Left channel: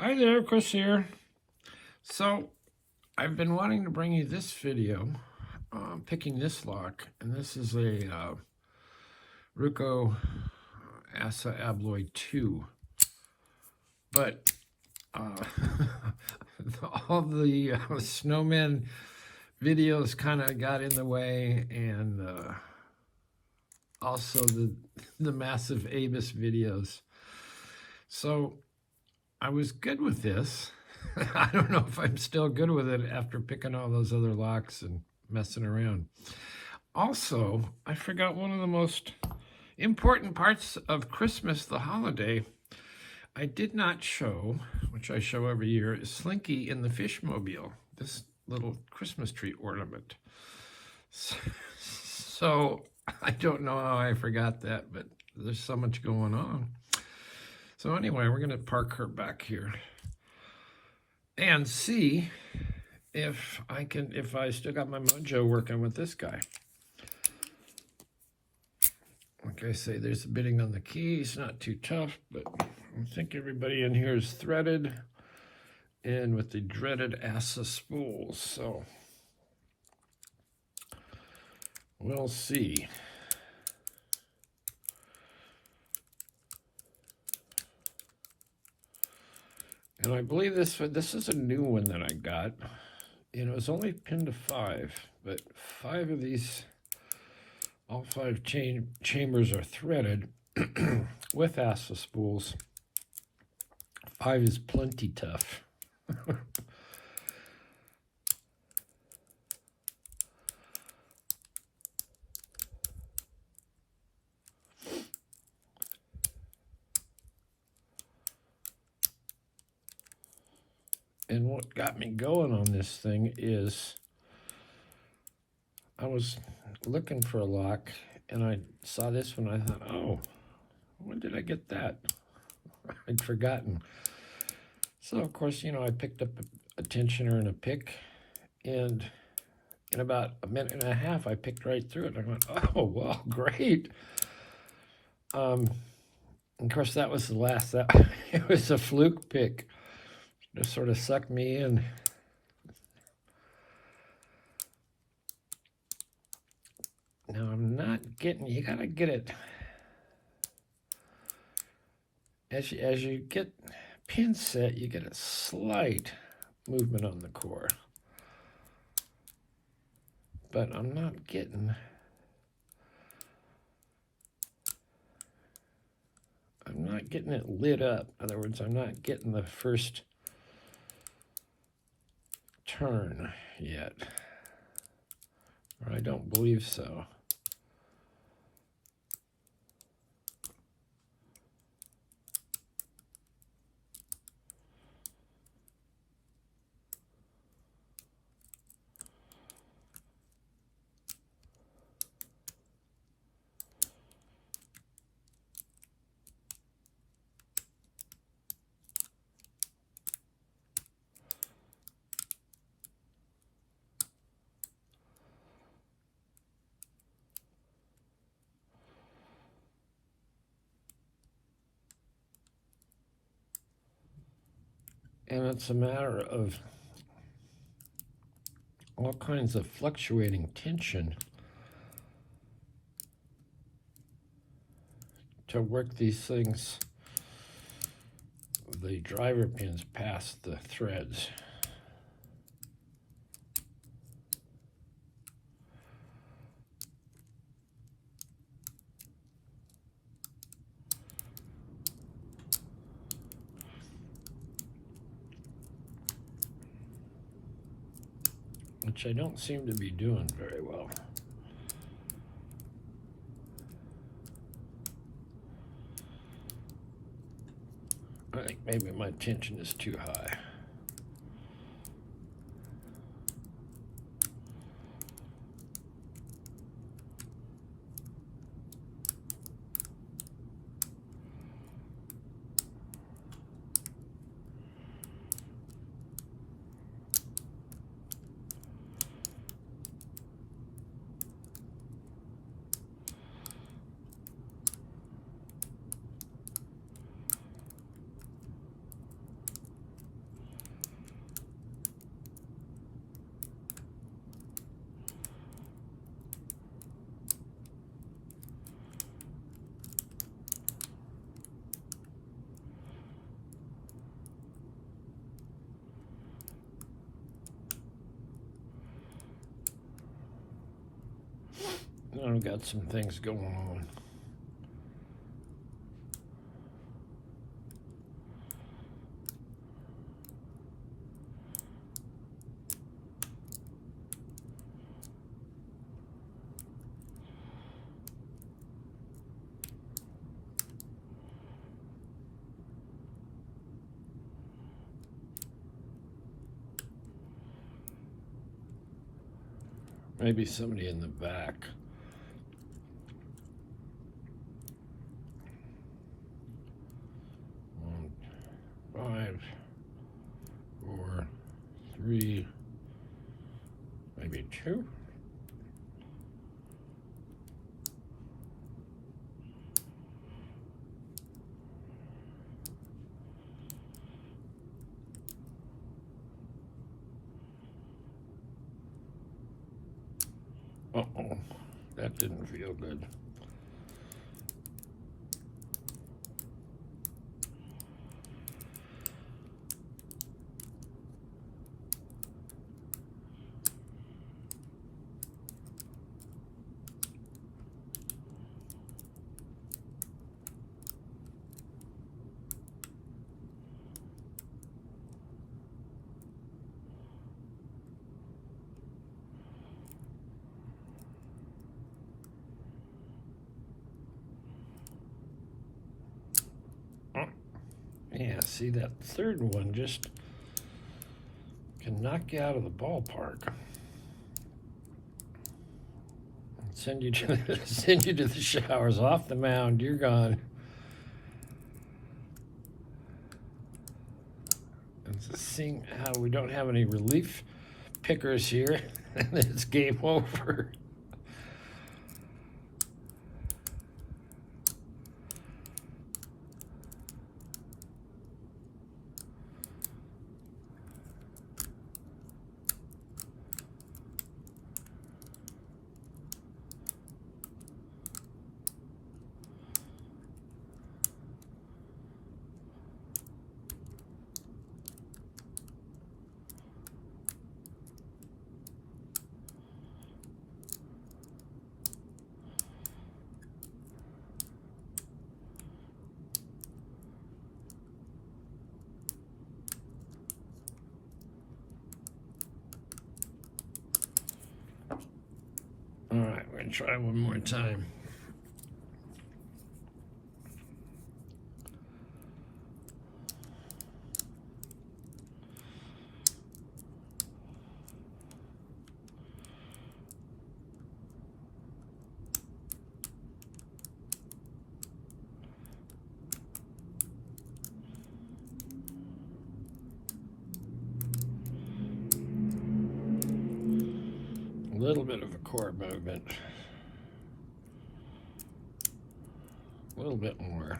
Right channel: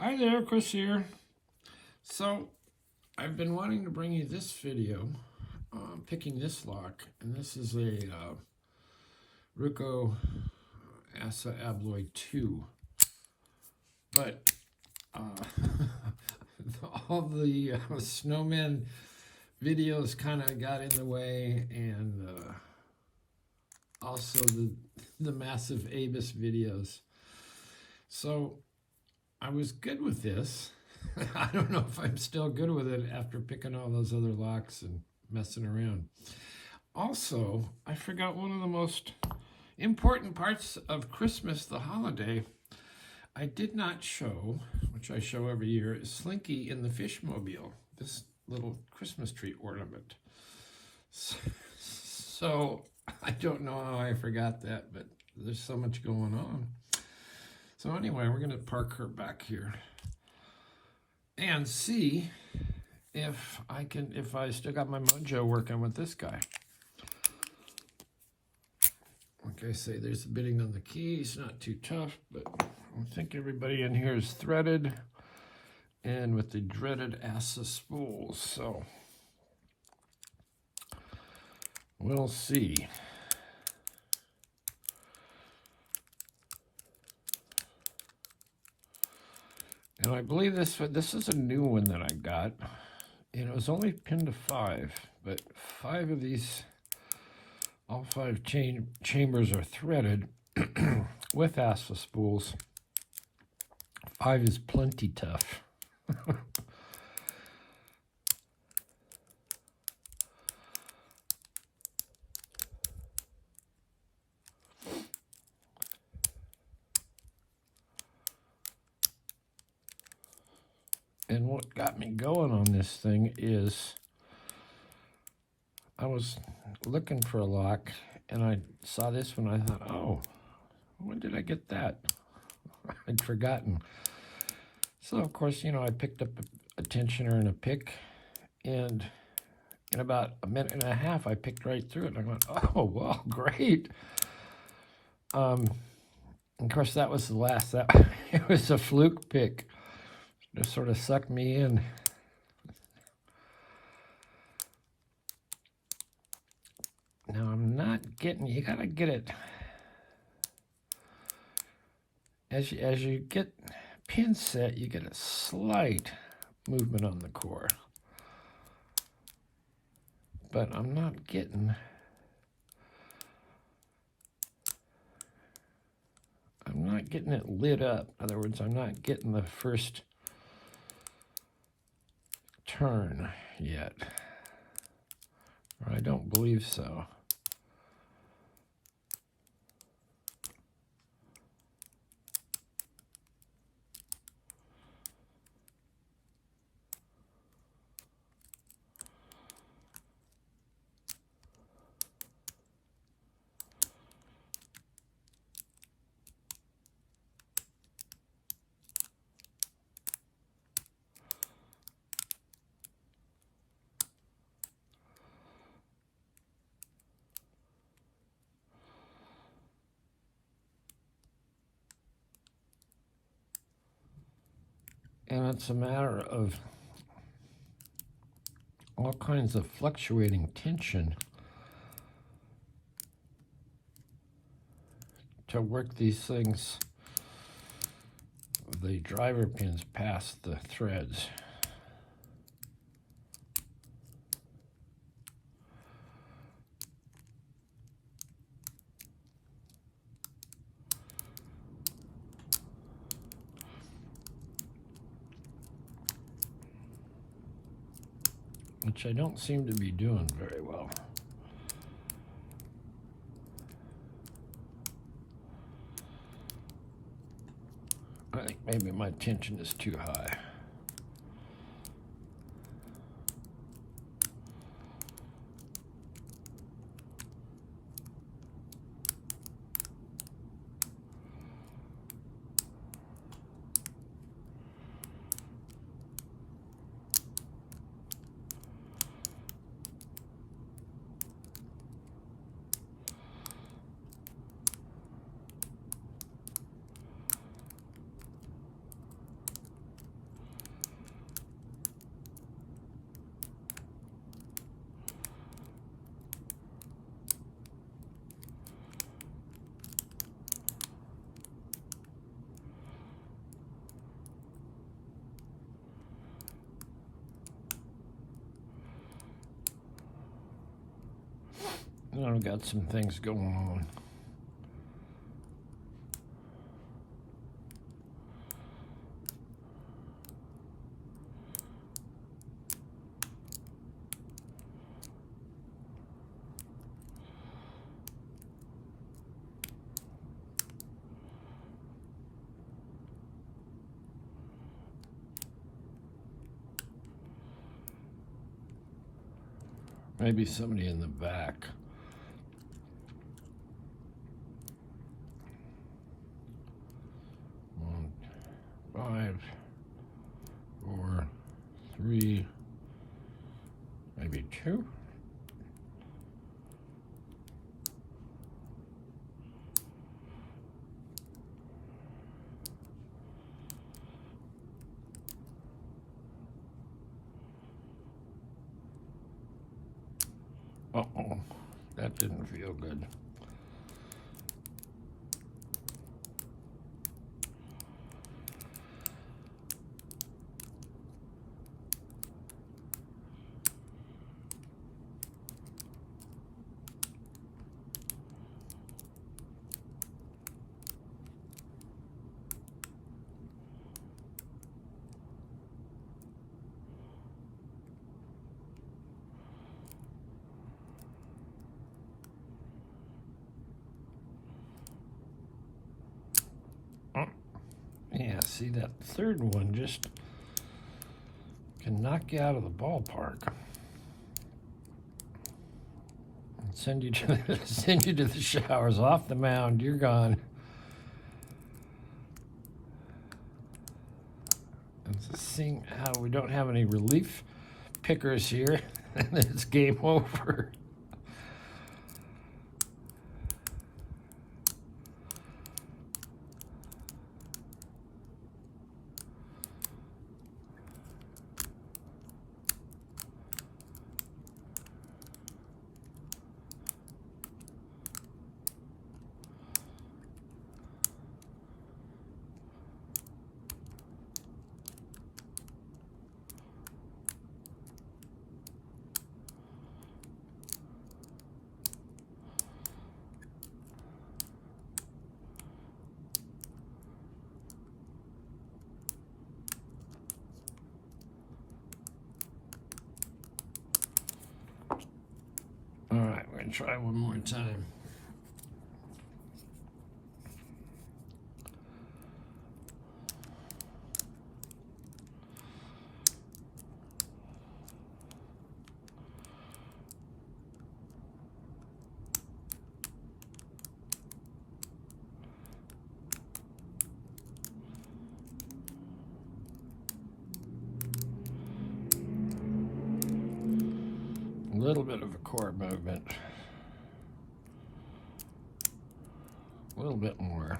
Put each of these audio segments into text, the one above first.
Hi there, Chris here. So, I've been wanting to bring you this video, picking this lock, and this is a Ruko ASSA Abloy 2. But all the snowman videos kind of got in the way, and also the massive Avis videos. So, I was good with this. I don't know if I'm still good with it after picking all those other locks and messing around. Also, I forgot one of the most important parts of Christmas, the holiday. I did not show, which I show every year, is Slinky in the Fishmobile, this little Christmas tree ornament. So I don't know how I forgot that, but there's so much going on. So anyway, we're going to park her back here and see if I still got my mojo working with this guy. Like I say, there's a bitting on the keys, not too tough, but I think everybody in here is threaded and with the dreaded ASSA spools, so we'll see. And I believe this is a new one that I got. You know, it's only pinned to 5, but 5 of these, all 5 chambers are threaded with ASSA spools. 5 is plenty tough. And what got me going on this thing is I was looking for a lock and I saw this one. I thought, oh, when did I get that? I'd forgotten. So, of course, you know, I picked up a tensioner and a pick, and in about a minute and a half, I picked right through it. I went, oh, well, great. Of course, that was the last. It was a fluke pick. Just sort of sucked me in. Now I'm not getting, you gotta get it. As you get pin set, you get a slight movement on the core. But I'm not getting, it lit up. In other words, I'm not getting the first turn yet. Or I don't believe so. And it's a matter of all kinds of fluctuating tension to work these things, the driver pins past the threads. Which I don't seem to be doing very well. I think maybe my tension is too high. I've got some things going on. Maybe somebody in the back. One, 5, 4, 3, maybe 2. Uh-oh, that didn't feel good. Yeah, see, that third one just can knock you out of the ballpark. And send you to send you to the showers. Off the mound, you're gone. It's seeing how we don't have any relief pickers here, and it's game over. All right, we're gonna try one more time. A little bit of a chord movement. A little bit more.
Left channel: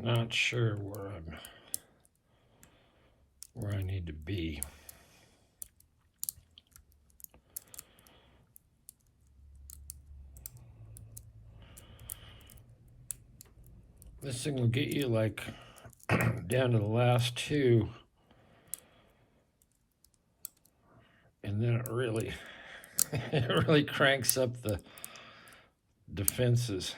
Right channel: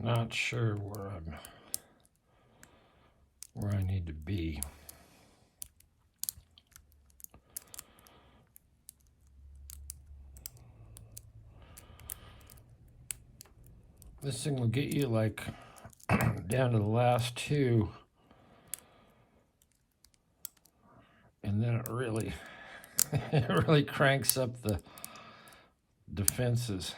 Not sure where I need to be. This thing will get you like down to the last two, and then it really it really cranks up the defenses.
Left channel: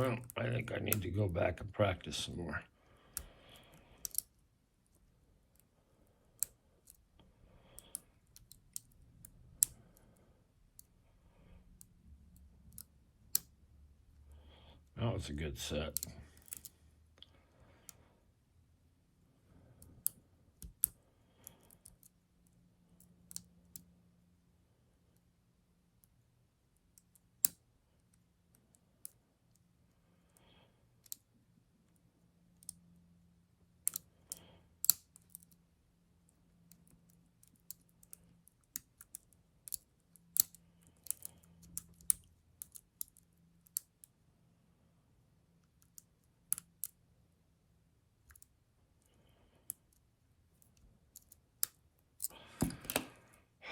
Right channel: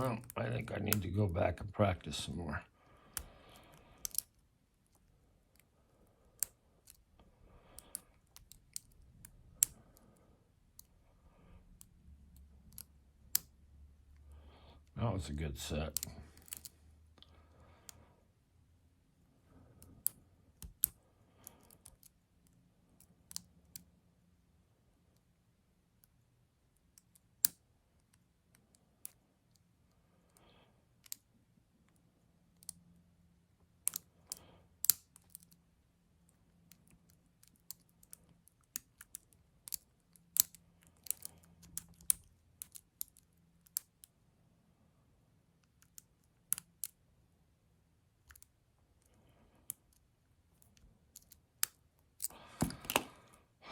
Well, I think I need to go back and practice some more. That was a good set.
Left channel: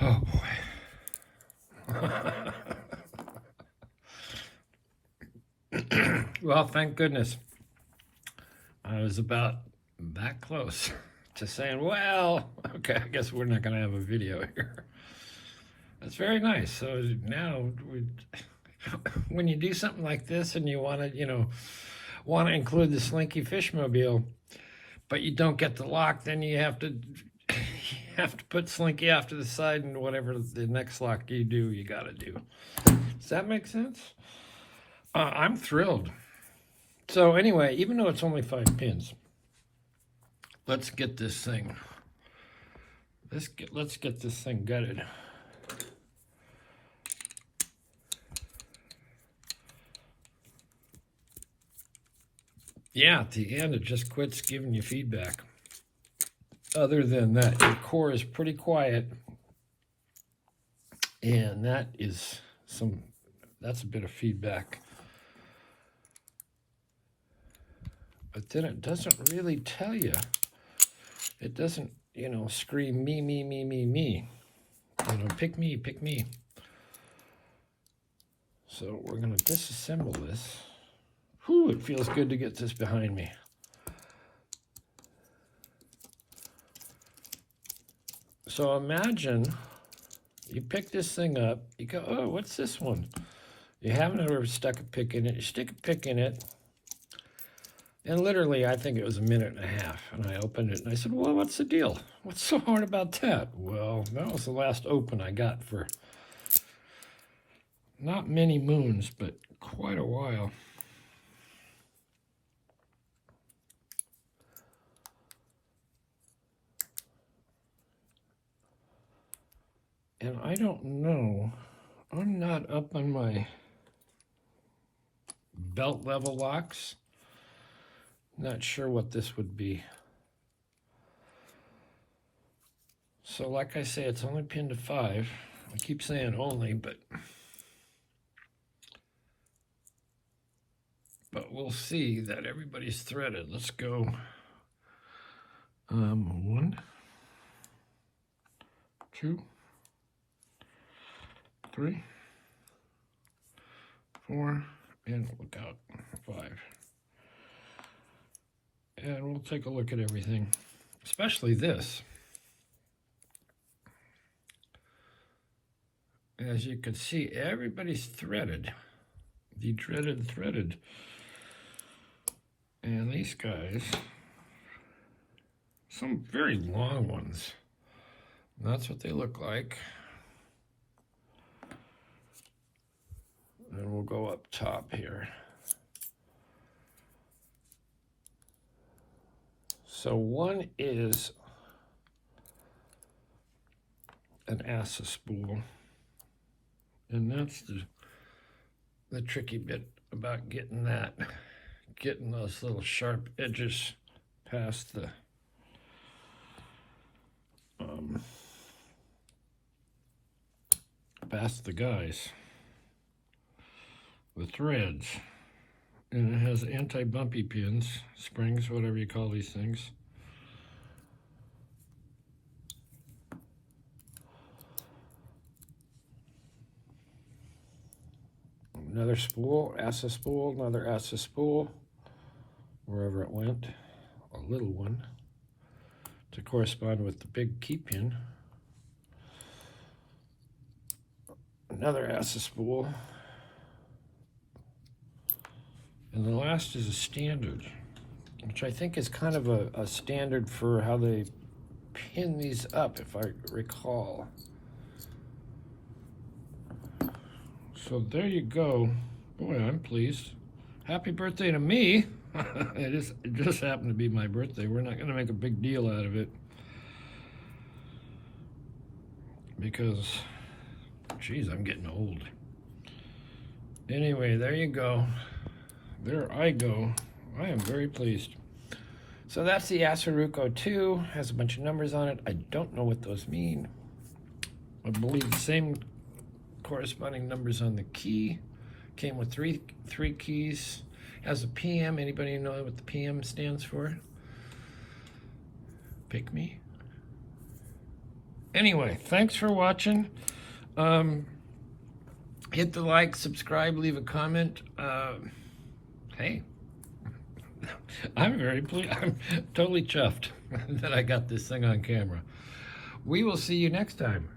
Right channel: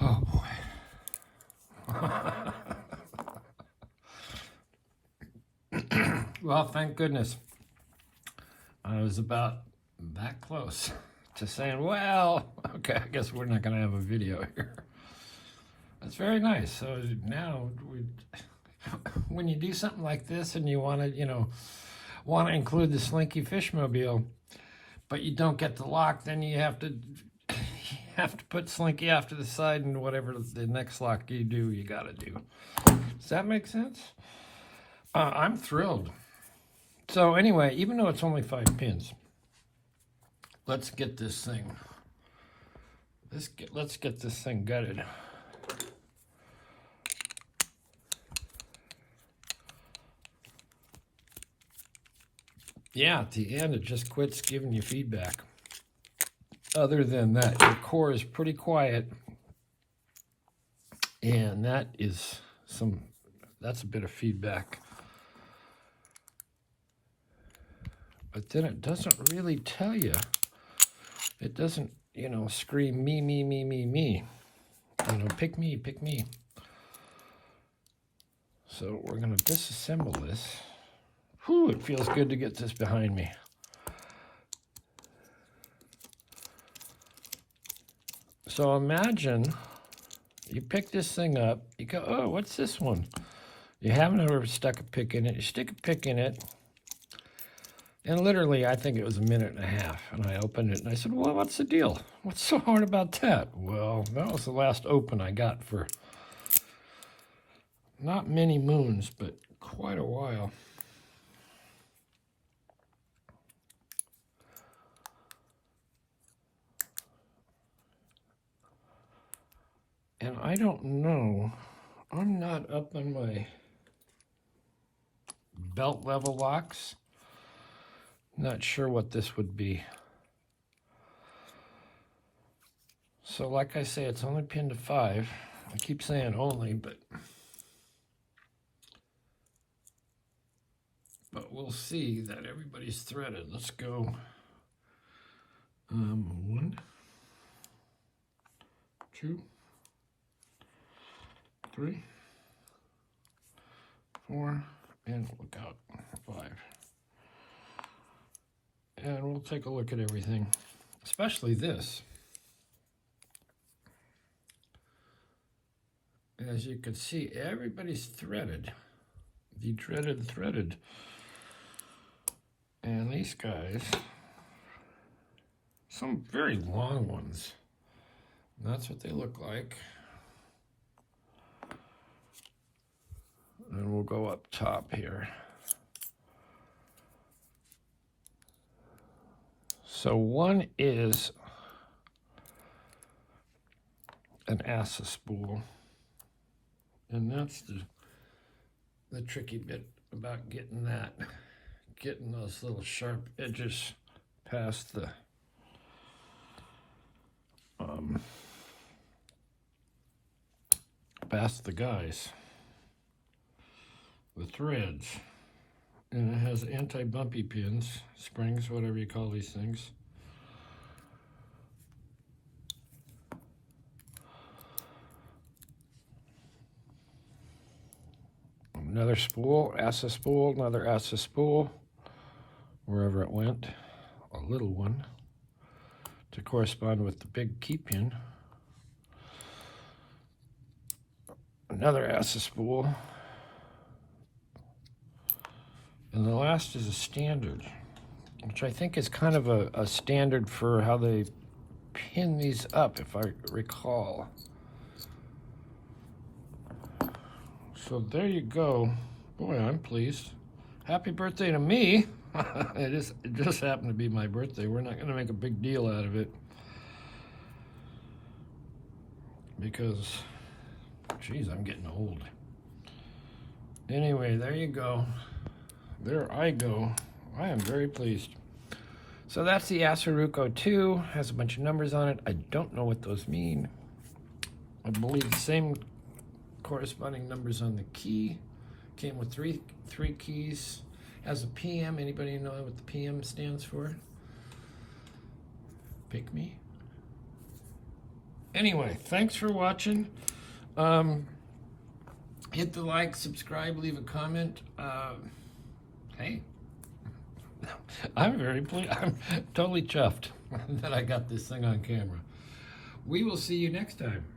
Oh boy. Well, thank goodness. I was about that close to saying, well, okay, I guess we're not going to have a video here. That's very nice. So now, when you do something like this and you want to, want to include the Slinky Fishmobile, but you don't get the lock, then you have to put Slinky off to the side, and whatever the next lock you do, you got to do. Does that make sense? I'm thrilled. So anyway, even though it's only 5 pins, let's get this thing. Let's get this thing gutted. Yeah, at the end it just quits giving you feedback. Other than that, your core is pretty quiet, and that's a bit of feedback. But then it doesn't really tell you. It doesn't, scream me, me, me, me, me. Pick me, pick me. So we're going to disassemble this. Whew, it feels good to get this behind me. So imagine you pick this thing up. You go, oh, what's this one? You haven't ever stuck a pick in it. You stick a pick in it. And literally, I think it was a minute and a half. And I opened it and I said, well, what's the deal? What's so hard about that? Well, that was the last open I got for not many moons, but quite a while. And I don't know. I'm not up on my belt level locks. Not sure what this would be. So like I say, it's only pinned to 5. I keep saying only, but we'll see that everybody's threaded. Let's go 1, 2, 3, 4, and look out, 5. And we'll take a look at everything, especially this. As you can see, everybody's threaded. The dreaded threaded. And these guys, some very long ones. That's what they look like. And we'll go up top here. So one is an ASSA spool, and that's the tricky bit about getting those little sharp edges past the guys, the threads. And it has anti-bumpy pins, springs, whatever you call these things. Another spool, ASSA spool, another ASSA spool, wherever it went, a little one, to correspond with the big key pin. Another ASSA spool. And the last is a standard, which I think is kind of a standard for how they pin these up, if I recall. So there you go. Boy, I'm pleased. Happy birthday to me. It just happened to be my birthday. We're not going to make a big deal out of it, because, geez, I'm getting old. Anyway, there you go. There I go. I am very pleased. So that's the ASSA Ruko 2. Has a bunch of numbers on it. I don't know what those mean. I believe the same corresponding numbers on the key. Came with three keys. Has a PM. Anybody know what the PM stands for? Pick me. Anyway, thanks for watching. Hit the like, subscribe, leave a comment. Hey, I'm very pleased. I'm totally chuffed that I got this thing on camera. We will see you next time.